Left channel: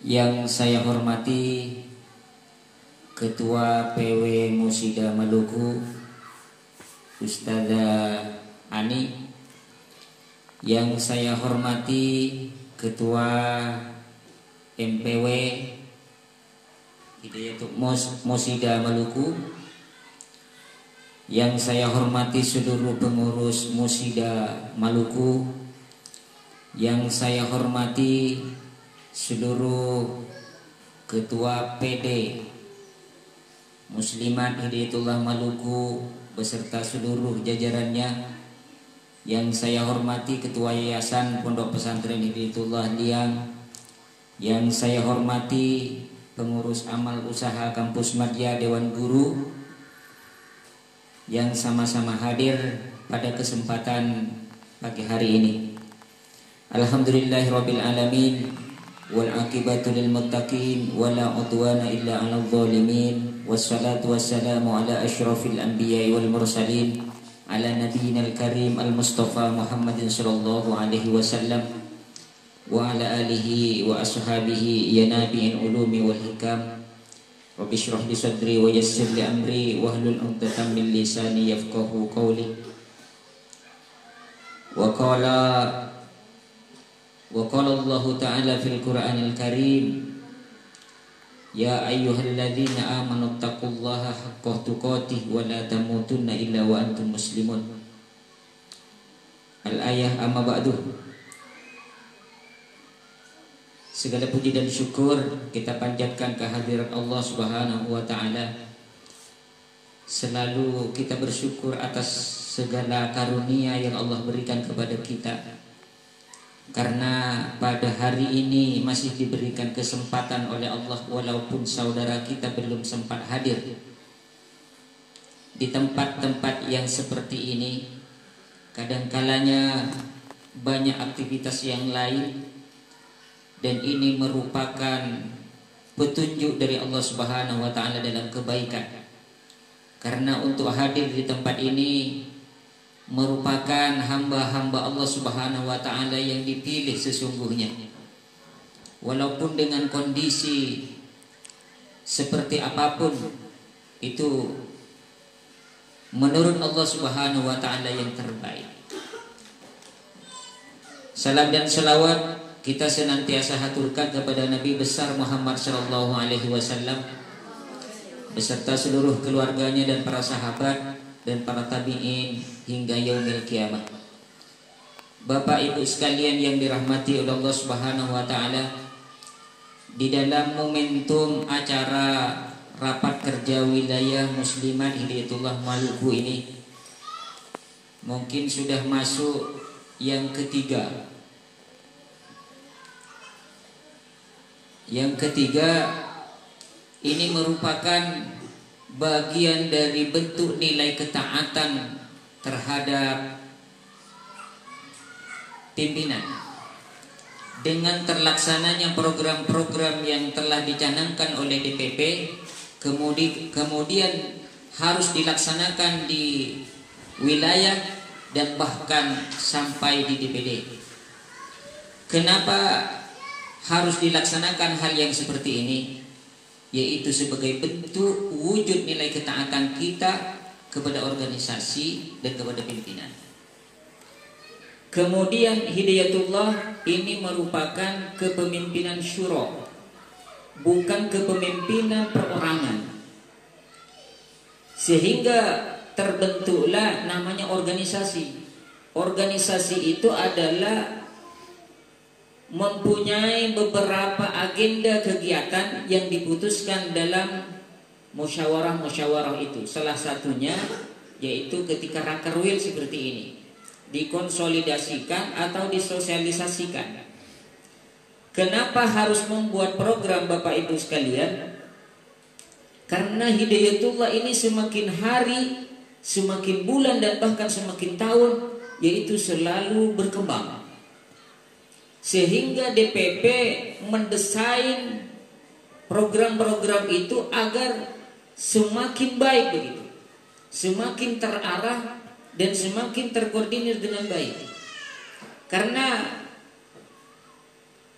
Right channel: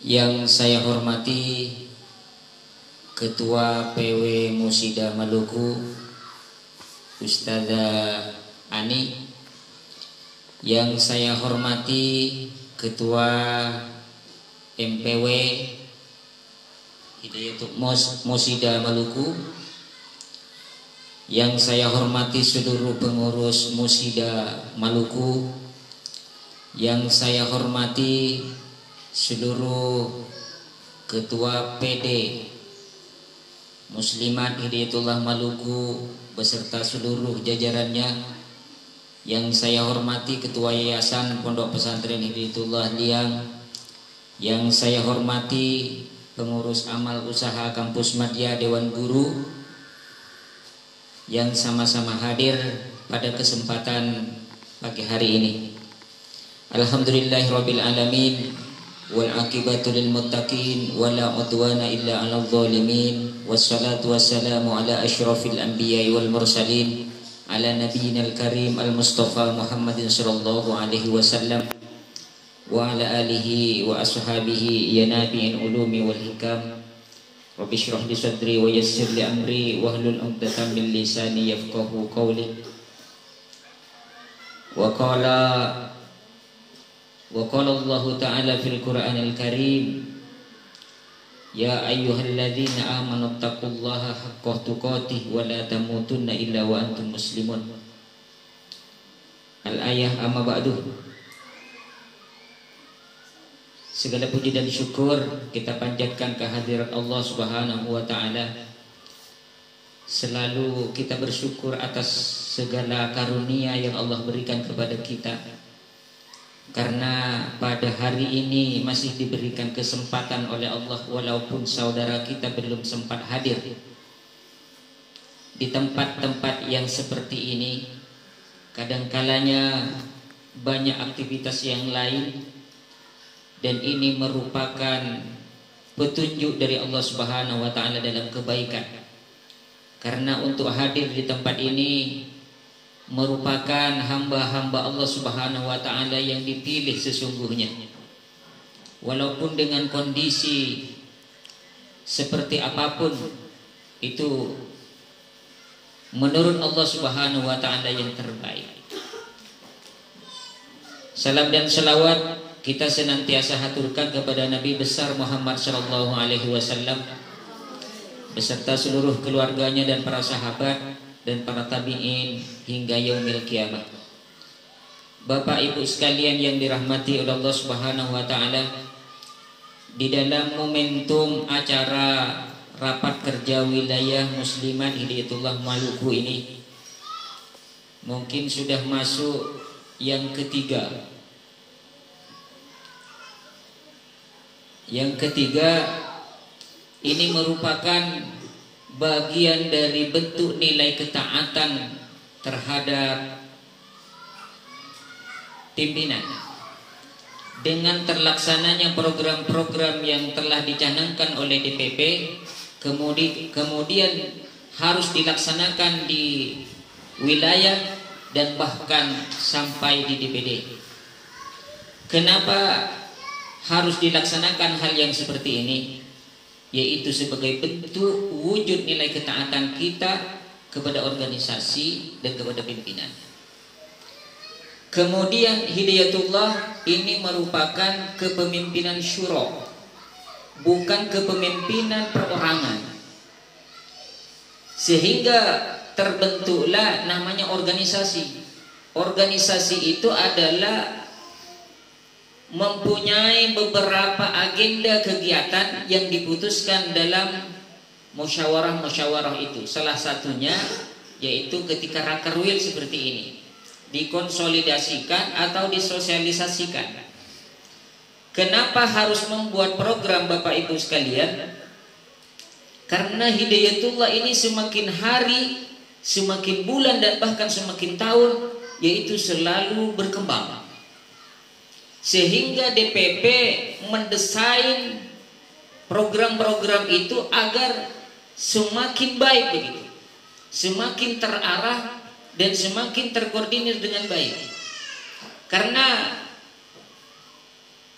Yang saya hormati Ketua PW Musida Maluku Ustazah Ani, yang saya hormati Ketua MPW Hidayatul Musida Maluku, yang saya hormati seluruh pengurus Musida Maluku, yang saya hormati seluruh Ketua PD Muslimat Hidayatullah Maluku beserta seluruh jajarannya, yang saya hormati Ketua Yayasan Pondok Pesantren Hidayatullah Liang, yang saya hormati pengurus amal usaha Kampus Madya Dewan Guru yang sama-sama hadir pada kesempatan pagi hari ini. Alhamdulillahirabbil alamin wal aqibatu lil muttaqin wala udwana illa 'alal zalimin, wassalatu wassalamu ala asyrafil anbiya'i wal mursalin ala nabiyyinal karim al mustafa Muhammadin sallallahu alaihi wasallam wa ala alihi wa ashabihi ya nabi'il ulumi wal hikam. Rabbi shrah li sadri wa yassir li amri wahlul 'uqdatam min lisani yafqahu qawli. Wa qala Allah Ta'ala fil Qur'anil Karim, ya ayyuhalladzina amanu taqullaha haqqa tuqatih wa la tamutunna illa wa antum muslimun. Al-ayah amma ba'du. Segala puji dan syukur kita panjatkan kehadirat Allah Subhanahu wa Ta'ala. Selalu kita bersyukur atas segala karunia yang Allah berikan kepada kita, karena pada hari ini masih diberikan kesempatan oleh Allah, walaupun saudara kita belum sempat hadir di tempat-tempat yang seperti ini. Kadangkalanya banyak aktivitas yang lain, dan ini merupakan petunjuk dari Allah Subhanahu wa Ta'ala dalam kebaikan, karena untuk hadir di tempat ini merupakan hamba-hamba Allah Subhanahu wa Ta'ala yang dipilih sesungguhnya. Walaupun dengan kondisi seperti apapun, itu menurut Allah Subhanahu wa Ta'ala yang terbaik. Salam dan selawat kita senantiasa haturkan kepada Nabi besar Muhammad sallallahu alaihi wasallam beserta seluruh keluarganya dan para sahabat dan para tabi'in hingga yaumil kiamah. Bapak Ibu sekalian yang dirahmati oleh Allah Subhanahu wa Ta'ala, di dalam momentum acara rapat kerja wilayah Muslimat Hidayatullah Maluku ini mungkin sudah masuk yang ketiga. Yang ketiga ini merupakan bagian dari bentuk nilai ketaatan terhadap pimpinan dengan terlaksananya program-program yang telah dicanangkan oleh DPP, kemudian harus dilaksanakan di wilayah dan bahkan sampai di DPD. Kenapa harus dilaksanakan hal yang seperti ini? Yaitu sebagai bentuk wujud nilai ketaatan kita kepada organisasi dan kepada pimpinan. Kemudian Hidayatullah ini merupakan kepemimpinan syura, bukan kepemimpinan perorangan, sehingga terbentuklah namanya organisasi. Organisasi itu adalah mempunyai beberapa agenda kegiatan yang diputuskan dalam musyawarah-musyawarah itu. Salah satunya yaitu ketika rakerwil seperti ini dikonsolidasikan atau disosialisasikan. Kenapa harus membuat program Bapak Ibu sekalian? Karena Hidayatullah ini semakin hari, semakin bulan, dan bahkan semakin tahun yaitu selalu berkembang. Sehingga DPP mendesain program-program itu agar semakin baik begitu, semakin terarah dan semakin terkoordinir dengan baik. Karena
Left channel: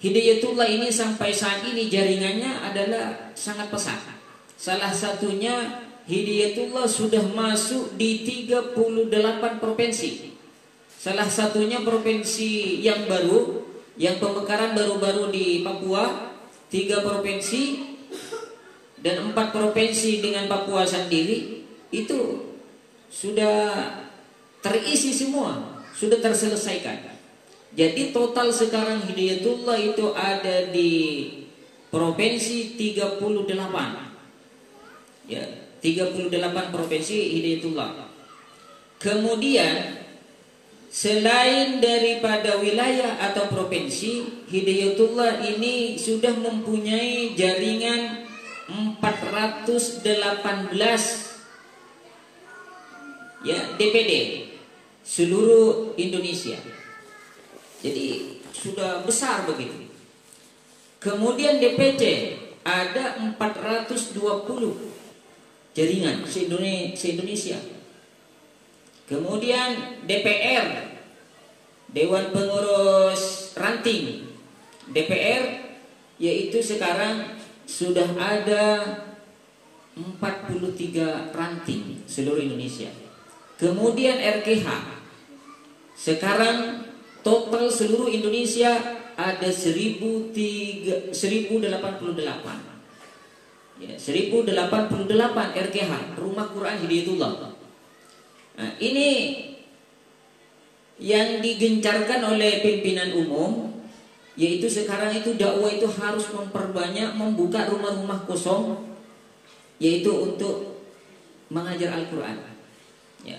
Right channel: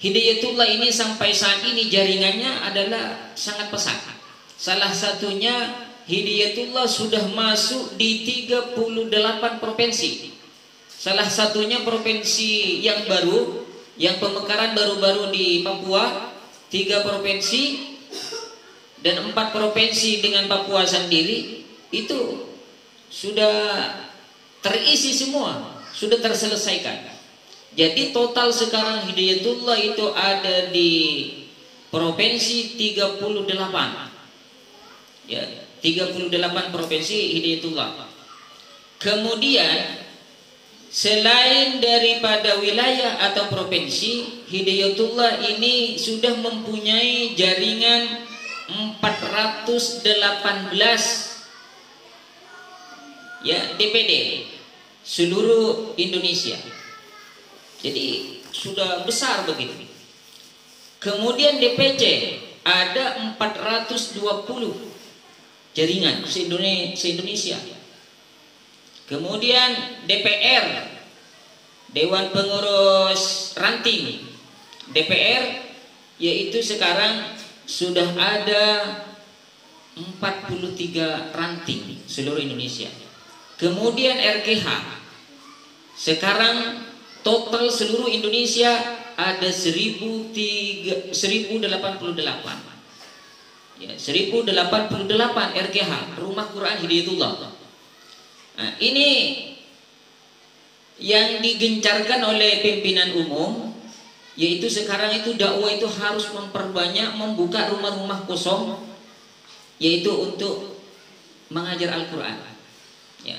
Hidayatullah ini sampai saat ini jaringannya adalah sangat pesat. Salah satunya Hidayatullah sudah masuk di 38 provinsi. Salah satunya provinsi yang baru, yang pemekaran baru-baru di Papua, 3 provinsi dan 4 provinsi dengan Papua sendiri itu sudah terisi semua, sudah terselesaikan. Jadi total sekarang Hidayatullah itu ada di provinsi 38. Ya, 38 provinsi Hidayatullah. Kemudian selain daripada wilayah atau provinsi, Hidayatullah ini sudah mempunyai jaringan 418 ya DPD seluruh Indonesia. Jadi sudah besar begitu. Kemudian DPC ada 420 jaringan se-Indonesia. Kemudian DPR, Dewan Pengurus Ranting DPR, yaitu sekarang sudah ada 43 ranting seluruh Indonesia. Kemudian RKH sekarang total seluruh Indonesia ada 1088. Ya, 1088 RKH, Rumah Quran Hidayatullah. Nah, ini yang digencarkan oleh pimpinan umum, yaitu sekarang itu dakwah itu harus memperbanyak membuka rumah-rumah kosong, yaitu untuk mengajar Al-Quran. Ya.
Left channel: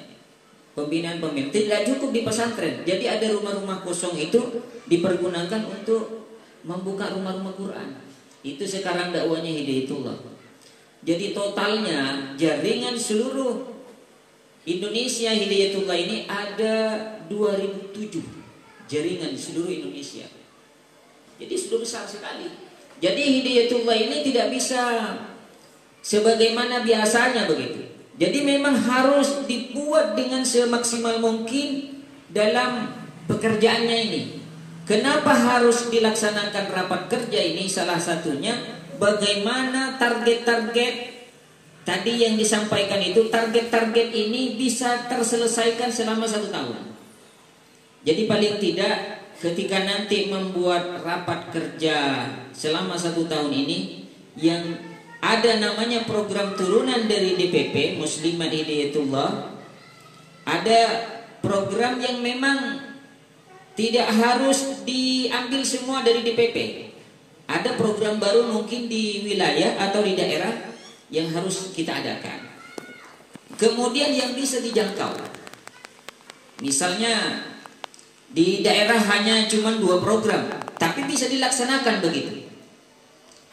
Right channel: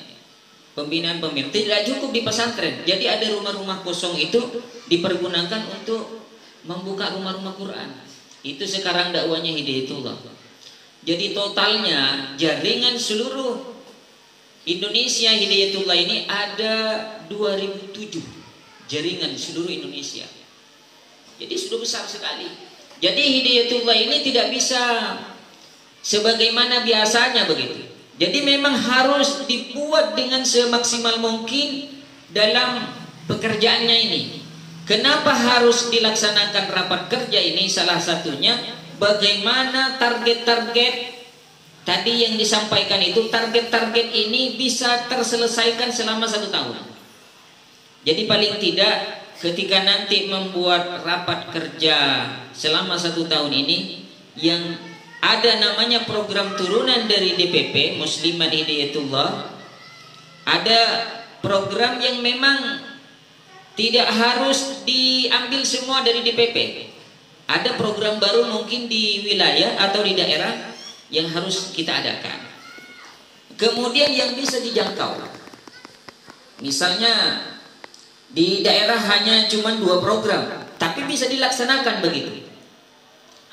Pembinaan tidak cukup di pesantren. Jadi ada rumah-rumah kosong itu dipergunakan untuk membuka rumah-rumah Quran. Itu sekarang dakwanya Hidayatullah. Jadi totalnya jaringan seluruh Indonesia Hidayatullah ini ada 2007 jaringan seluruh Indonesia. Jadi sudah besar sekali. Jadi Hidayatullah ini tidak bisa sebagaimana biasanya begitu. Jadi memang harus dibuat dengan semaksimal mungkin dalam pekerjaannya ini. Kenapa harus dilaksanakan rapat kerja ini? Salah satunya bagaimana target-target tadi yang disampaikan itu, target-target ini bisa terselesaikan selama 1 tahun. Jadi paling tidak ketika nanti membuat rapat kerja selama 1 tahun ini, yang ada namanya program turunan dari DPP Muslimat Hidayatullah. Ada program yang memang tidak harus diambil semua dari DPP. Ada program baru mungkin di wilayah atau di daerah yang harus kita adakan. Kemudian yang bisa dijangkau, misalnya di daerah hanya cuma 2 program, tapi bisa dilaksanakan begitu.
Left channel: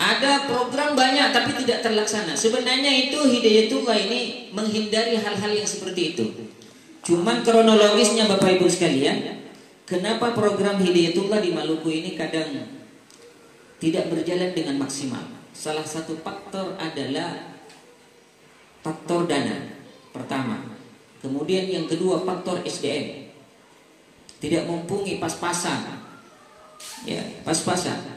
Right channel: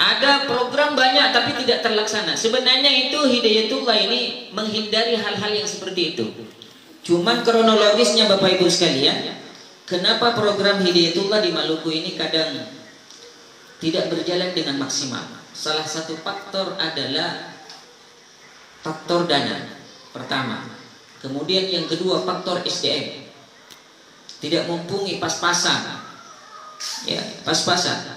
Ada program banyak tapi tidak terlaksana. Sebenarnya itu Hidayatullah ini menghindari hal-hal yang seperti itu. Cuman kronologisnya Bapak Ibu sekalian, kenapa program Hidayatullah di Maluku ini kadang tidak berjalan dengan maksimal? Salah satu faktor adalah faktor dana pertama. Kemudian yang kedua faktor SDM. Tidak mumpuni pas-pasan. Ya, pas-pasan.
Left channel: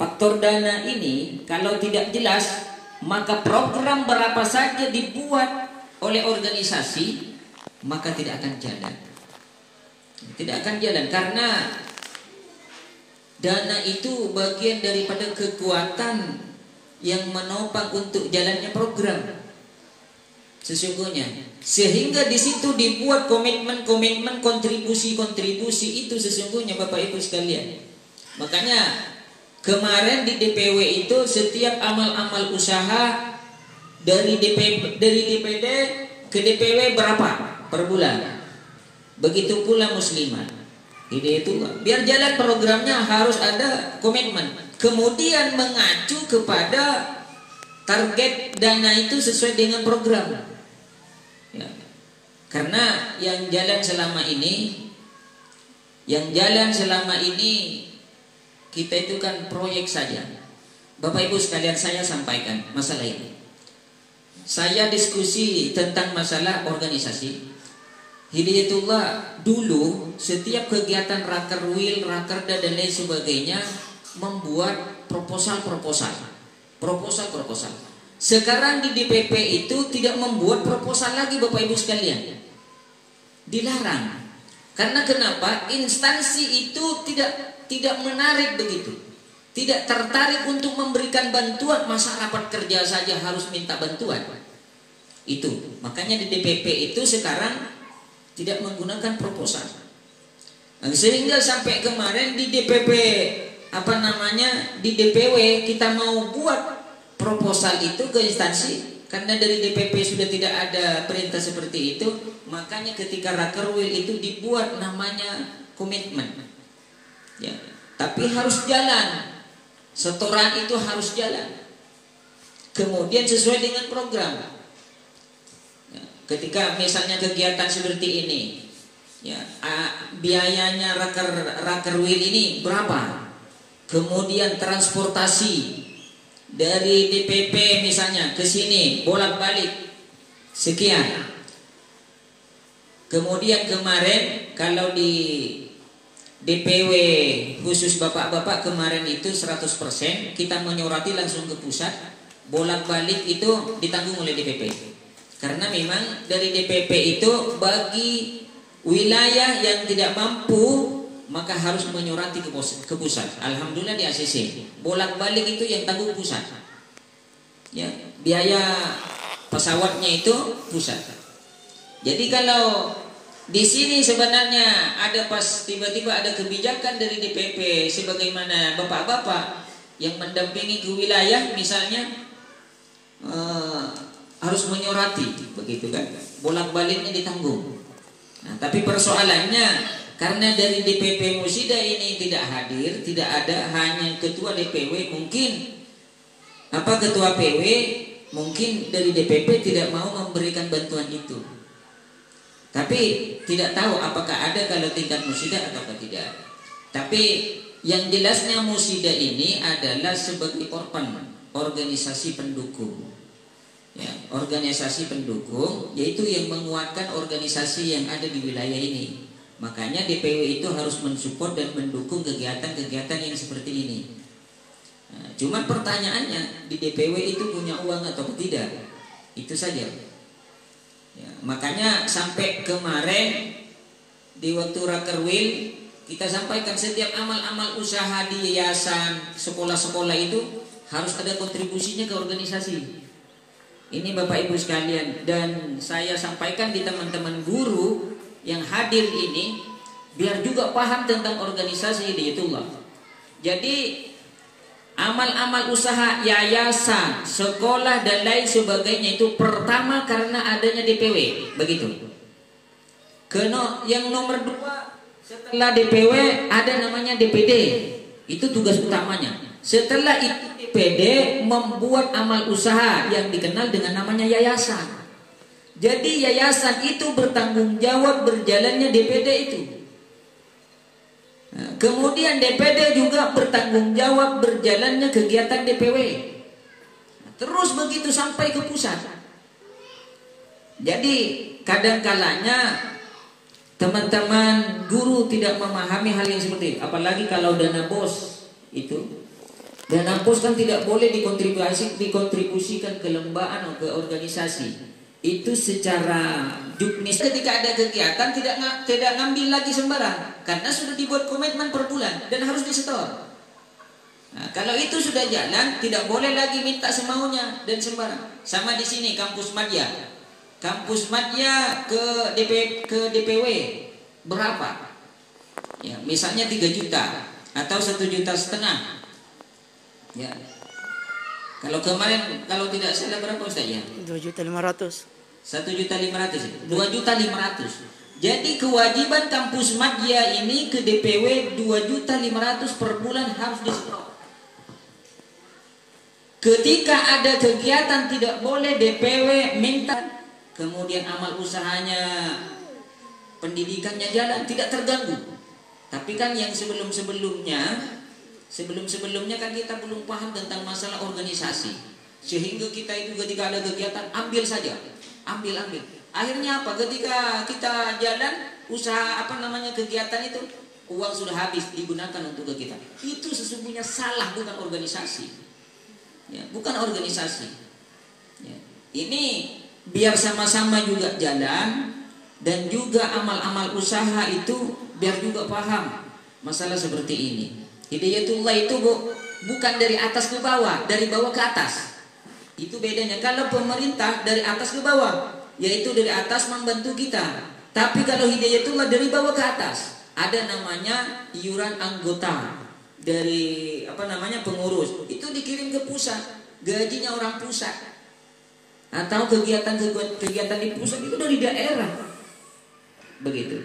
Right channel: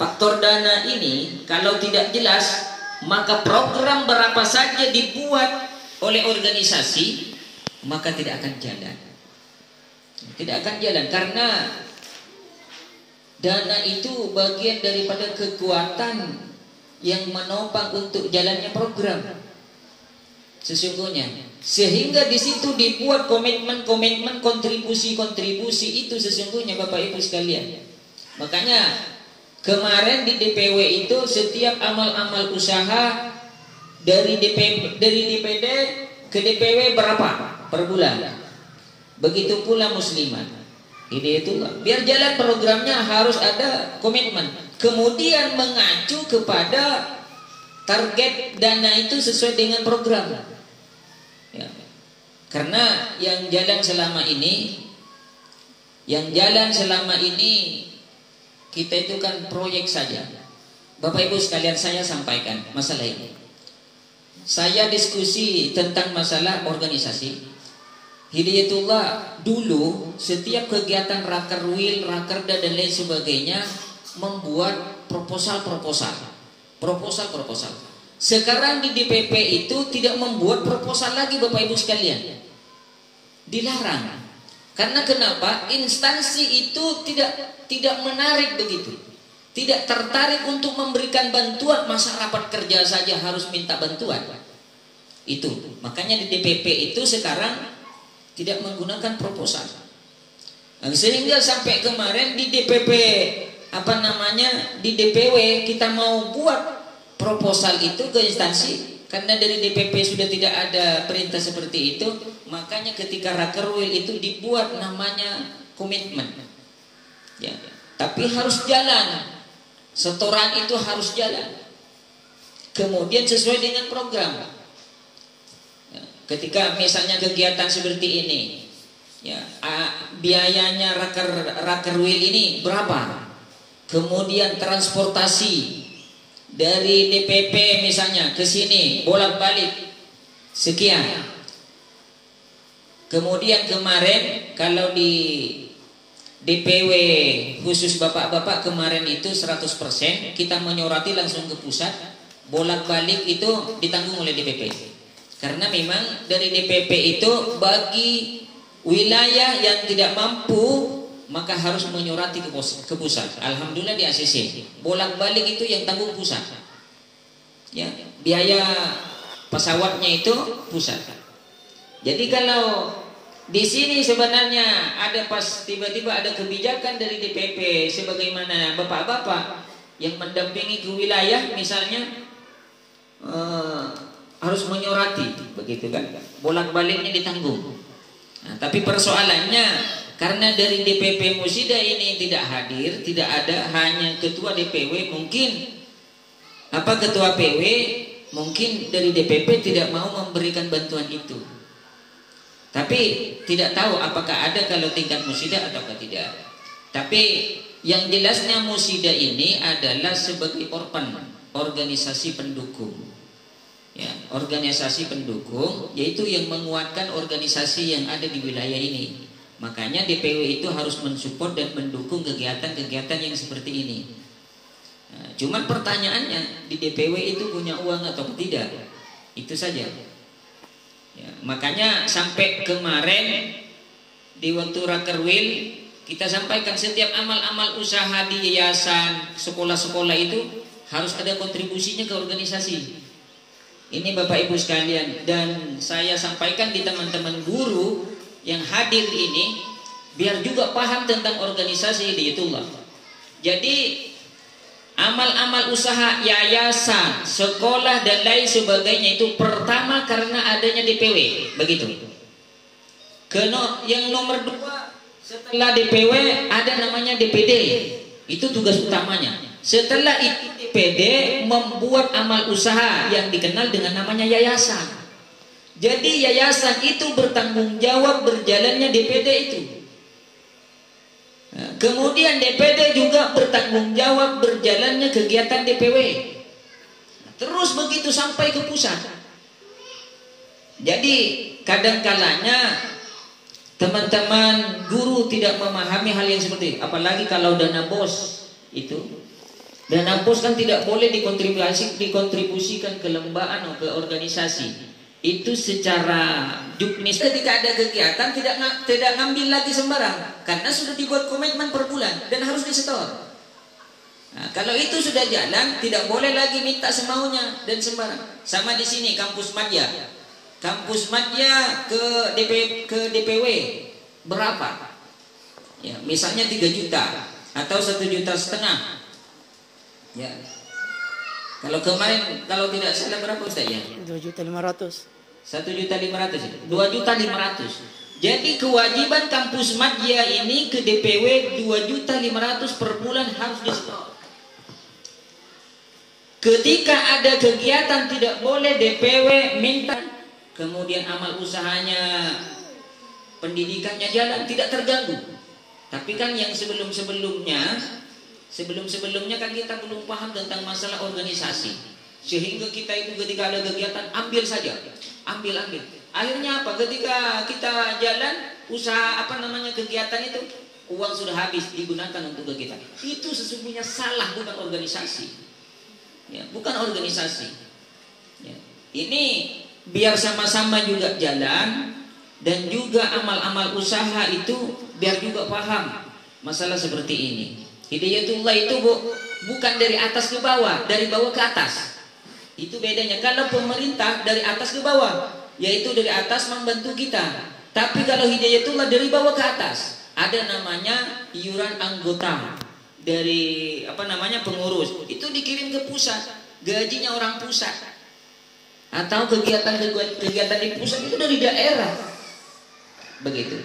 Faktor dana ini kalau tidak jelas, maka program berapa saja dibuat oleh organisasi, maka tidak akan jalan. Tidak akan jalan karena dana itu bagian daripada kekuatan yang menopang untuk jalannya program. Sesungguhnya, sehingga di situ dibuat komitmen, kontribusi itu sesungguhnya Bapak Ibu sekalian. Makanya kemarin di DPW itu setiap amal-amal usaha dari DPD ke DPW berapa per bulan. Begitu pula muslimat. Hidayatullah. Biar jalan programnya harus ada komitmen. Kemudian mengacu kepada target dana itu sesuai dengan program. Ya. Karena yang jalan selama ini kita itu kan proyek saja. Bapak Ibu sekalian, saya sampaikan masalah ini. Saya diskusi tentang masalah organisasi. Hidayatullah dulu setiap kegiatan rakerwil, rakerda dan lain sebagainya membuat proposal. Sekarang di DPP itu tidak membuat proposal lagi, Bapak Ibu sekalian. Dilarang. Karena kenapa? Instansi itu tidak menarik begitu. Tidak tertarik untuk memberikan bantuan, masa rapat kerja saja harus minta bantuan. Itu. Makanya di DPP itu sekarang tidak menggunakan proposal. Sehingga sampai kemarin di DPP di DPW kita mau buat proposal itu ke instansi, karena dari DPP sudah tidak ada perintah seperti itu, makanya ketika rakerwil itu dibuat namanya komitmen. Ya, tapi harus jalan. Setoran itu harus jalan. Kemudian sesuai dengan program. Ketika misalnya kegiatan seperti ini, ya, biayanya rakerwil ini berapa? Kemudian transportasi dari DPP misalnya ke sini bolak-balik sekian. Kemudian kemarin kalau di DPW khusus bapak-bapak kemarin itu 100%, kita menyoroti langsung ke pusat, bolak-balik itu ditanggung oleh DPP. Karena memang dari DPP itu bagi wilayah yang tidak mampu maka harus menyoroti ke pusat. Alhamdulillah di ACC bolak-balik itu yang tanggung pusat. Ya, biaya pesawatnya itu pusat. Jadi kalau di sini sebenarnya ada pas tiba-tiba ada kebijakan dari DPP sebagaimana bapak-bapak yang mendampingi ke wilayah misalnya harus menyoroti begitu kan, bolak-baliknya ditanggung. Nah, tapi persoalannya karena dari DPP Musida ini tidak hadir, tidak ada, hanya ketua DPW mungkin ketua PW mungkin dari DPP tidak mau memberikan bantuan itu. Tapi tidak tahu apakah ada kalau tingkat Musida atau tidak. Tapi yang jelasnya Musida ini adalah sebagai organisasi pendukung. Ya, organisasi pendukung yaitu yang menguatkan organisasi yang ada di wilayah ini. Makanya DPW itu harus mensupport dan mendukung kegiatan-kegiatan yang seperti ini. Nah, cuman pertanyaannya di DPW itu punya uang atau tidak? Itu saja. Ya, makanya sampai kemarin di waktu rakerwil kita sampaikan setiap amal-amal usaha di yayasan, sekolah-sekolah itu harus ada kontribusinya ke organisasi. Ini Bapak Ibu sekalian, dan saya sampaikan di teman-teman guru yang hadir ini biar juga paham tentang organisasi Hidayatullah. Jadi amal-amal usaha yayasan, sekolah dan lain sebagainya itu pertama karena adanya DPW, begitu. Yang nomor 2 setelah DPW ada namanya DPD. Itu tugas utamanya. Setelah itu DPD membuat amal usaha yang dikenal dengan namanya yayasan. Jadi yayasan itu bertanggung jawab berjalannya DPD itu. Nah, kemudian DPD juga bertanggung jawab berjalannya kegiatan DPW. Terus begitu sampai ke pusat. Jadi kadang-kalanya teman-teman guru tidak memahami hal yang seperti itu. Apalagi kalau dana BOS itu. Dana BOS kan tidak boleh dikontribusikan ke lembaga atau ke organisasi. Itu secara juknis ketika ada kegiatan tidak ngambil lagi sembarang karena sudah dibuat komitmen per bulan dan harus disetor. Nah, kalau itu sudah jalan tidak boleh lagi minta semaunya dan sembarang. Sama di sini kampus Madya. Kampus Madya ke DPW berapa? Ya, misalnya 3 juta atau 1,5 juta. Ya. Kalau kemarin kalau tidak salah berapa Ustaz ya? 2.500.000. 1.500.000. 2.500.000. Jadi kewajiban kampus Madya ini ke DPW 2.500.000 per bulan harus disetor. Ketika ada kegiatan tidak boleh DPW minta. Kemudian amal usahanya, pendidikannya jalan tidak terganggu. Tapi kan yang sebelum-sebelumnya kan kita belum paham tentang masalah organisasi. Sehingga kita itu ketika ada kegiatan ambil saja. Ambil. Akhirnya apa? Ketika kita jalan usaha kegiatan itu, uang sudah habis digunakan untuk kegiatan. Itu sesungguhnya salah, bukan organisasi. Ya, bukan organisasi. Ya. Ini biar sama-sama juga jalan, dan juga amal-amal usaha itu biar juga paham masalah seperti ini. Hidayatullah itu bukan dari atas ke bawah, dari bawah ke atas. Itu bedanya. Kalau pemerintah dari atas ke bawah, yaitu dari atas membantu kita. Tapi kalau hidayatullah dari bawah ke atas, ada namanya iuran anggota dari pengurus. Itu dikirim ke pusat, gajinya orang pusat. Atau kegiatan di pusat itu dari daerah. Begitu.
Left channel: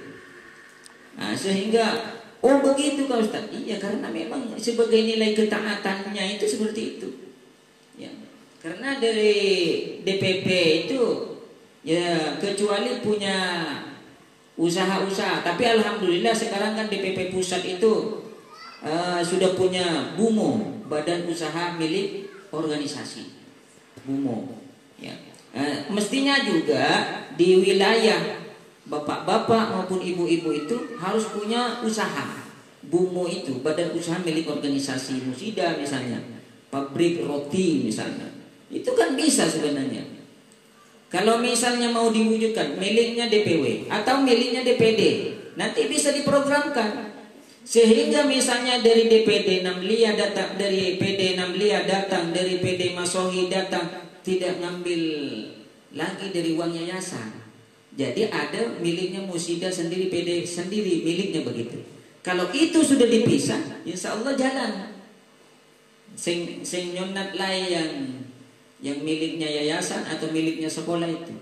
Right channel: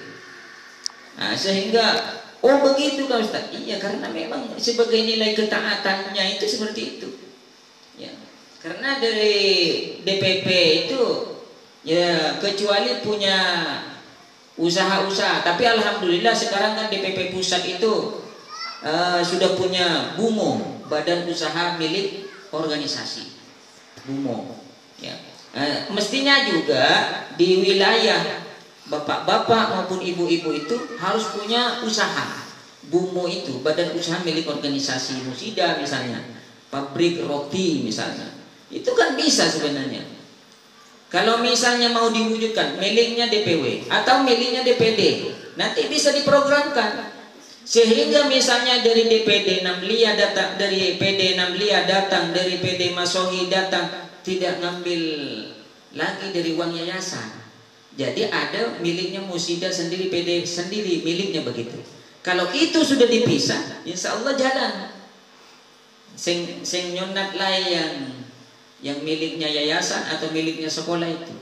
Nah, sehingga begitu Kak Ustaz. Iya, karena memang sebagai nilai ketaatannya itu seperti itu. Ya. Karena dari DPP itu ya kecuali punya usaha-usaha, tapi alhamdulillah sekarang kan DPP pusat itu sudah punya BUMO, Badan Usaha Milik Organisasi. BUMO. Ya. Mestinya juga di wilayah bapak-bapak maupun ibu-ibu itu harus punya usaha. BUMO itu Badan Usaha Milik Organisasi Musida misalnya, pabrik roti misalnya. Itu kan bisa sebenarnya. Kalau misalnya mau diwujudkan miliknya DPW atau miliknya DPD, nanti bisa diprogramkan. Sehingga misalnya dari DPD Namlia datang, dari PD Namlia datang, dari PD Masohi datang, tidak ngambil lagi dari uang yayasan. Jadi ada miliknya Musida sendiri, PD sendiri, miliknya begitu. Kalau itu sudah dipisah, insya Allah jalan. Sing nyonat lah yang miliknya yayasan atau miliknya sekolah itu.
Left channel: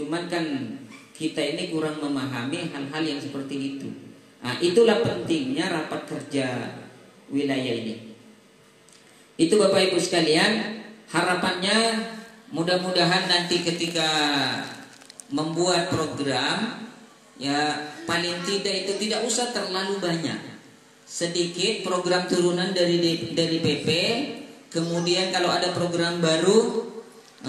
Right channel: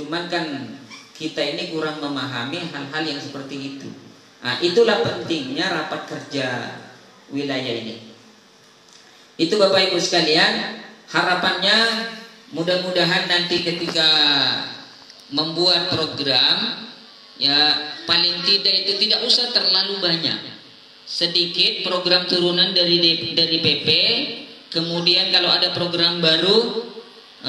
Cuman kan kita ini kurang memahami hal-hal yang seperti itu. Nah, itulah pentingnya rapat kerja wilayah ini. Itu Bapak Ibu sekalian, harapannya mudah-mudahan nanti ketika membuat program, ya paling tidak itu tidak usah terlalu banyak, sedikit program turunan dari PP. Kemudian kalau ada program baru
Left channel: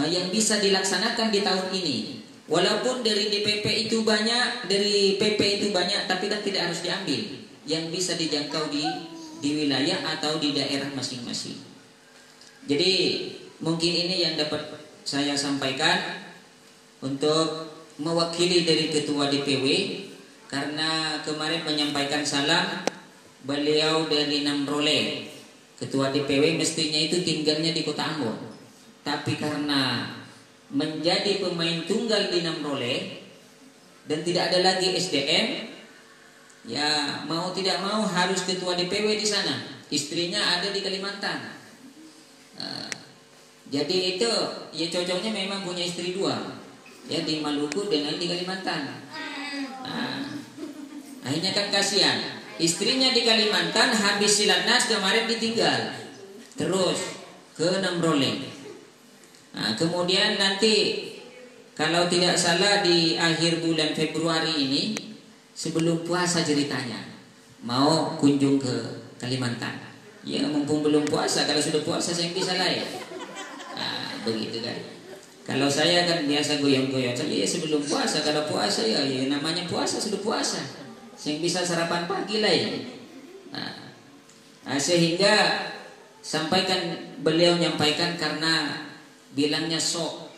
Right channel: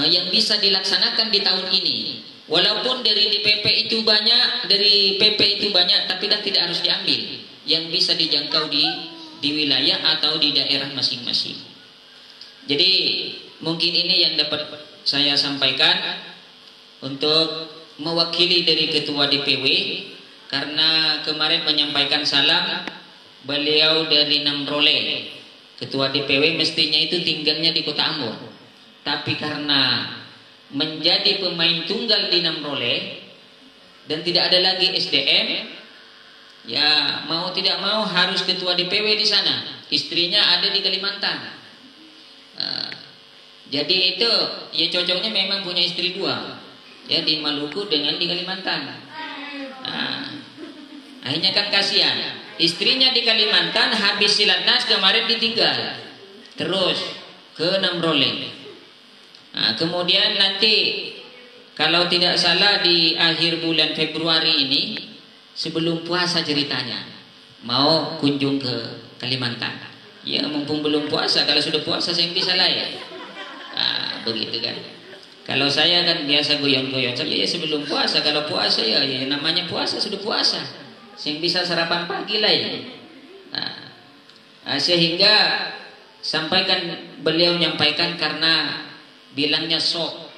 yang bisa dilaksanakan di tahun ini, walaupun dari DPP itu banyak, dari PP itu banyak, tapi kan tidak harus diambil, yang bisa dijangkau di wilayah atau di daerah masing-masing. Jadi mungkin ini yang dapat saya sampaikan untuk mewakili dari Ketua DPW, karena kemarin menyampaikan salam beliau dari Namrole. Ketua DPW mestinya itu tinggalnya di Kota Ambon, tapi karena menjadi pemain tunggal di Namrole dan tidak ada lagi SDM, ya mau tidak mau harus Ketua DPW di sana. Istrinya ada di Kalimantan. Jadi itu ya cocoknya memang punya istri dua, ya di Maluku dengan di Kalimantan. Nah, akhirnya kan kasihan. Istrinya di Kalimantan habis silatnas kemarin ditinggal, terus ke Namrole. Nah, kemudian nanti kalau tidak salah di akhir bulan Februari ini, sebelum puasa ceritanya mau kunjung ke Kalimantan. Ya mumpung belum puasa, kalau sudah puasa saya bisa lah ya. Nah, begitu kan. Kalau saya kan biasa goyang-goyang saja ya sebelum puasa. Kalau puasa ya namanya puasa sudah puasa. Yang bisa sarapan pagi lah ya. Nah, sehingga beliau nyampaikan karena bilangnya sok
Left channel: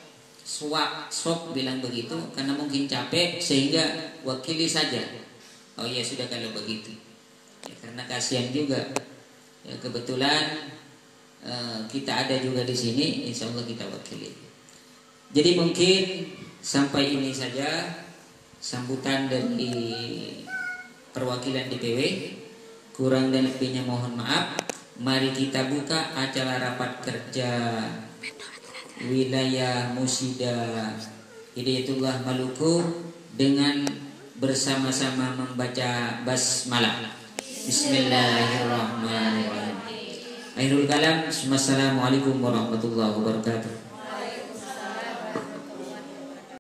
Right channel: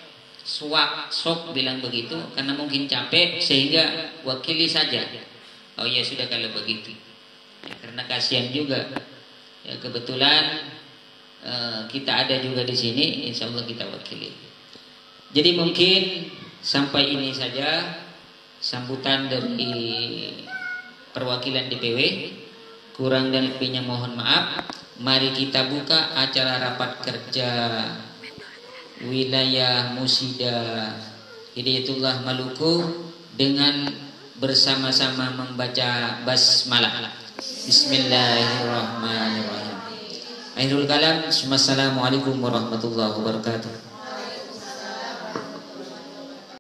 bilang begitu karena mungkin capek sehingga wakili saja. Oh ya sudah kalau begitu. Ya, karena kasihan juga. Ya, kebetulan kita ada juga di sini, insya Allah kita wakili. Jadi mungkin sampai ini saja sambutan dari perwakilan DPW. Kurang dan lebihnya mohon maaf. Mari kita buka acara rapat kerja wilayah Musida Hidayatullah Maluku dengan bersama-sama membaca basmalah. Bismillahirrahmanirrahim. Akhirul kalam. Assalamualaikum warahmatullahi wabarakatuh.